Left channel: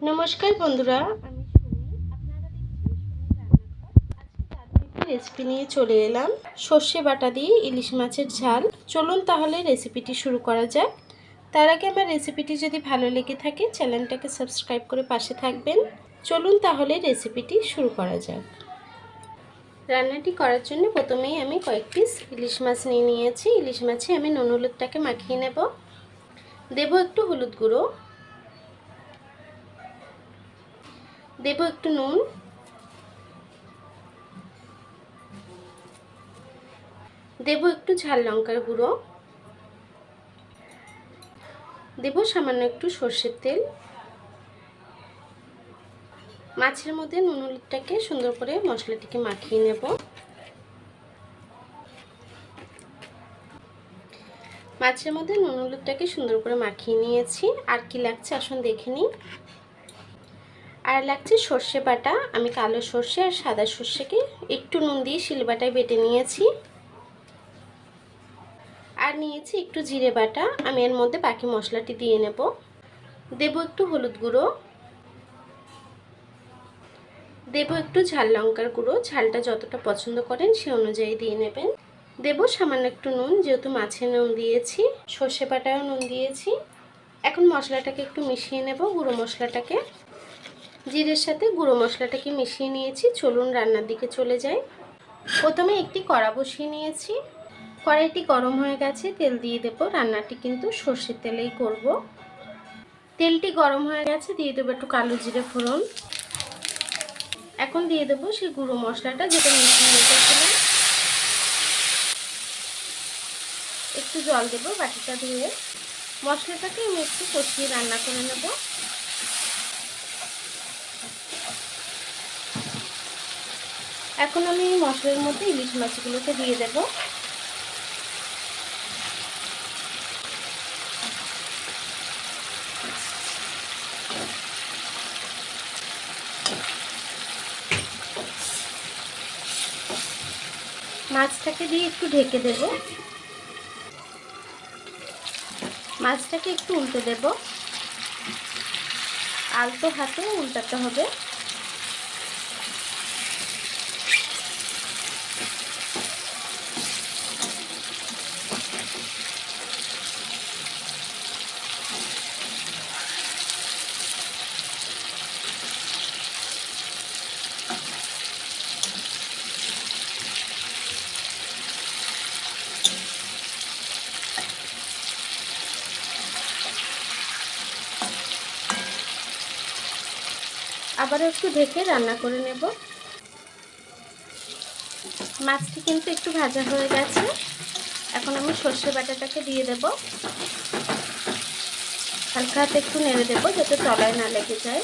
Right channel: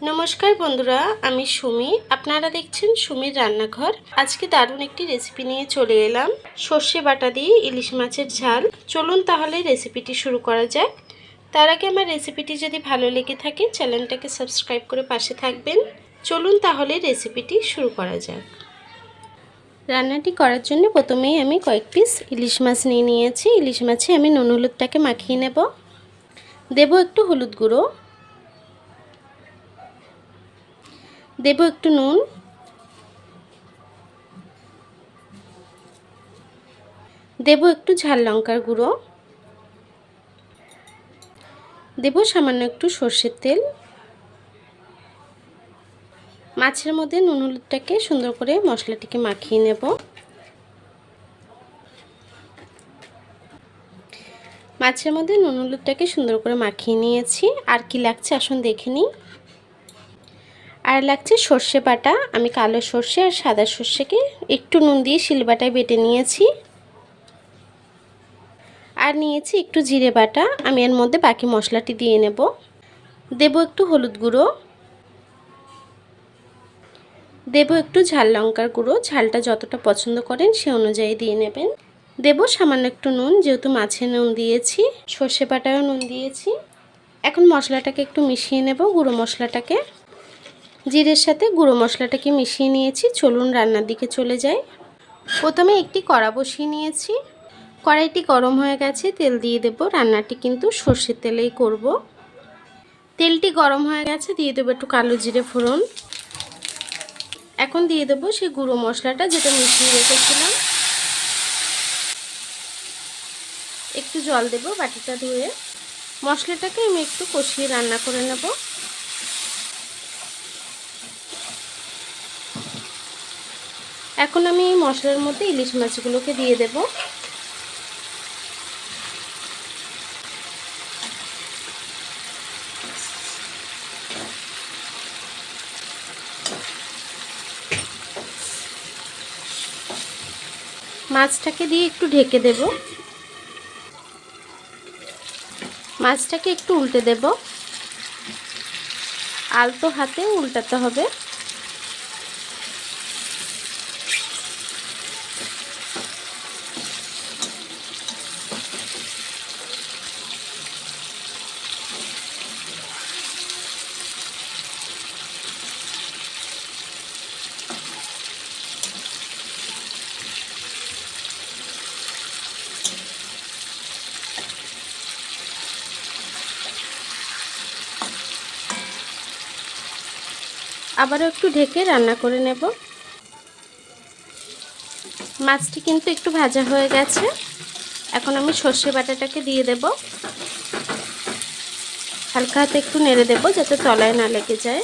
নমস্কার বন্ধুরা, আমি সুমি। আপনারা দেখছেন সুমির রান্নাঘর। আজকে দারুণ একটি রেসিপি নিয়ে চলে এলাম, সর্ষে বাটা দিয়ে ইলিশ মাছের ঝাল। চলুন তাহলে রেসিপিটি শুরু করা যাক। তার আগে আমার রেসিপিটি যদি ভালো লেগে থাকে চ্যানেলটাকে সাবস্ক্রাইব করে পাশে থাকবেন। চলুন তাহলে রেসিপিটি শুরু করা যাক। রান্নাটি করার জন্য প্রথমেই আমি কয়েক পিস ইলিশ মাছ নিয়ে নিয়েছি। ইলিশ মাছে আমি নুন হলুদটাকে মাখিয়ে নেব। দেব একটু হলুদ গুঁড়ো, দেব একটু নুন, দেব একটু ঝাল লঙ্কার গুঁড়ো, দেব সামান্য একটু সর্ষের তেল। মাছের মধ্যে নুন হলুদটাকে সুন্দর করে মশলাটিকে মাখিয়ে নেব। মাছের মধ্যে নুন হলুদটাকে সুন্দর করে মাখিয়ে নিয়েছি। আর কি লাগছে আসুন দেখে নিই। আর লাগছে সর্ষে বাটা। আমি কালো সর্ষে আর সাদা সর্ষেকে একটু নুন দিয়ে শিলবাটায় বেটে নিয়েছি। আর নিয়েছি একটু জিরে বাটা। আমি এর মধ্যে বাকি মশলাটি দিয়ে নেব। দেব একটু হলুদ গুঁড়ো, দেব একটু ঝাল লঙ্কার গুঁড়ো। ঝালটা যতটা পছন্দ করেন সে অনুযায়ী দিয়ে নেবেন। দেব সামান্য একটু নুন, যেহেতু মাছে নুন দিয়েছি, সর্ষে বাটায়ও নুন দিয়েছি। এখন মশলাটাকে একটু মিশিয়ে নেব। গুঁড়ো মশলাটাকে জিরের সাথে গুঁড়ো মশলাটাকে মিশিয়ে নিয়েছি। চলুন রান্নার দিকে চলে যাই। প্রথমে একটি কড়া বসিয়ে নিয়েছি। কড়াইটি গরম হয়ে গেছে, তেল দিয়ে দেব। রান্নাটি কিন্তু সর্ষের তেলেই করব। তেলটি গরম হয়ে গেছে, দিয়ে দেবো একটু কালো জিরে ফোড়ন। এখন দিয়ে দেবো সেই গুঁড়ো মশলাটা যেটা মিশিয়ে রেখেছিলাম। একটু জল দেবো বাটিটা ধুয়ে। মশলাটাকে আমি একটু কষিয়ে রান্না করে নেব। এখন আমি এই মশলার মধ্যে ইলিশ মাছগুলোকে দিয়ে দেব। মাছটাকে দিয়ে একটু ঢেকে দেব। মাছটাকে একটু উল্টে দেব। আলতো হাতে উল্টাতে হবে। আবারও একটু ঢেকে রান্না করে নেব। মাছটি কিন্তু একটু ভাজা হয়ে গেছে। এখন আমি সর্ষে বাটাটাকে দিয়ে দেব। হালকা হাতে একটু নেড়ে দেব যাতে তলায় না লেগে যায়।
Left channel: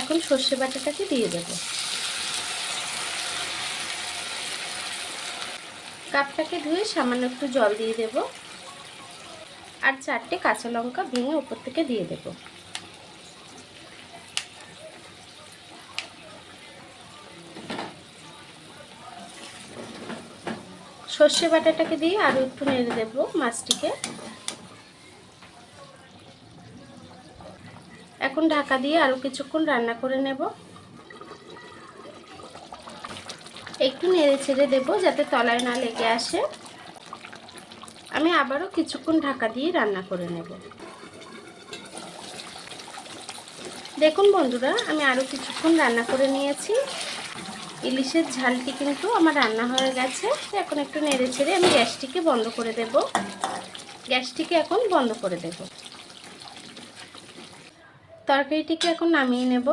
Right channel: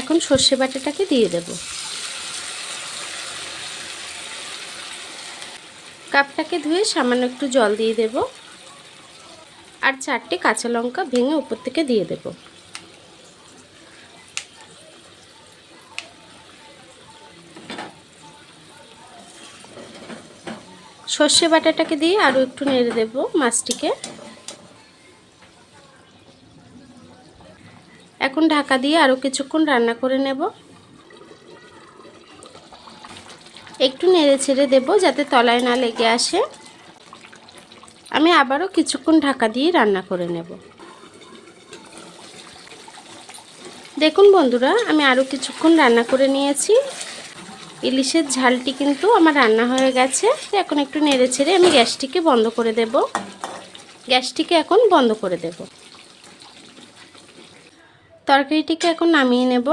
এখন সর্ষে বাটাটাকে দিয়ে দেব। কাপটাকে ধুয়ে সামান্য একটু জল দিয়ে দেব। আর 4টে কাঁচা লঙ্কা ভেঙে উপর থেকে দিয়ে দেব। সর্ষে বাটাটাকে দিয়ে আরও একটু নেড়ে দেব মাছটিকে। এখন ঢাকা দিয়ে আরও কিছুক্ষণ রান্না করে নেব। একটু নেড়ে ছেড়ে দেব যাতে তলায় না লেগে আসে। আমি আবারও কিছুক্ষণ ঢাকা দিয়ে রান্না করে নেব। দেখুন বন্ধুরা, আমি আরও কিছুক্ষণ রান্না করে নিয়েছি। ইলিশের ঝালটি কিন্তু আমার রান্না হয়ে গেছে। এখন একটু নেড়ে ছেড়ে আমি গ্যাসটিকে বন্ধ করে দেব। গ্যাসটিকে এখন বন্ধ করে দেব। তরকারিটিকে এখন নামিয়ে নেব।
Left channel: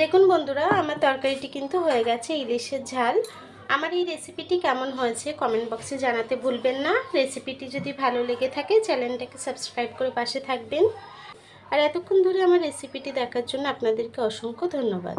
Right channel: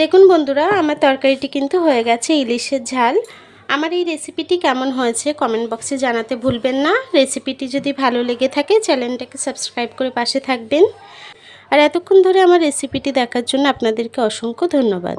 দেখুন বন্ধুরা, আমার তরকারিটি কিন্তু হয়ে গেছে ইলিশের ঝাল। আমার এই রেসিপিটি কেমন হয়েছে কমেন্ট বক্সে জানাতে ভুলবেন না। রেসিপিটি যদি ভালো লেগে থাকে চ্যানেলটাকে সাবস্ক্রাইব করে পাশে থাকবেন। আর এতক্ষণ ধরে আমার রেসিপিটি দেখার জন্য আপনাদেরকে অসংখ্য ধন্যবাদ।